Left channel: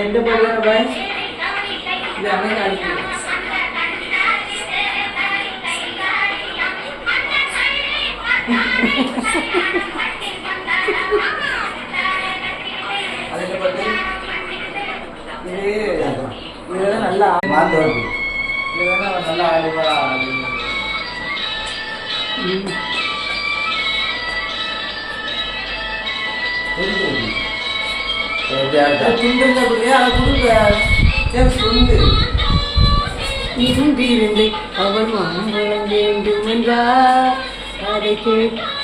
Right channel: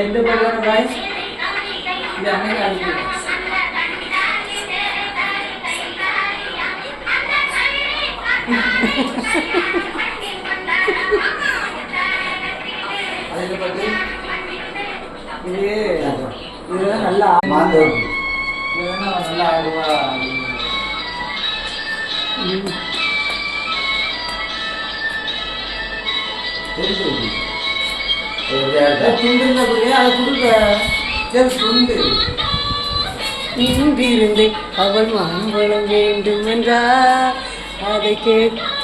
எந்த பக்கம் guys இது அன்னைக்கு அடிச்சு அதுல பத்தி இது நல்லா மாந்தோம் இதுனா நல்லா ஆடுவா இன்றிருந்து அவள் மாம்பழம் வேண்டும் என்றார் அதை கேட்டு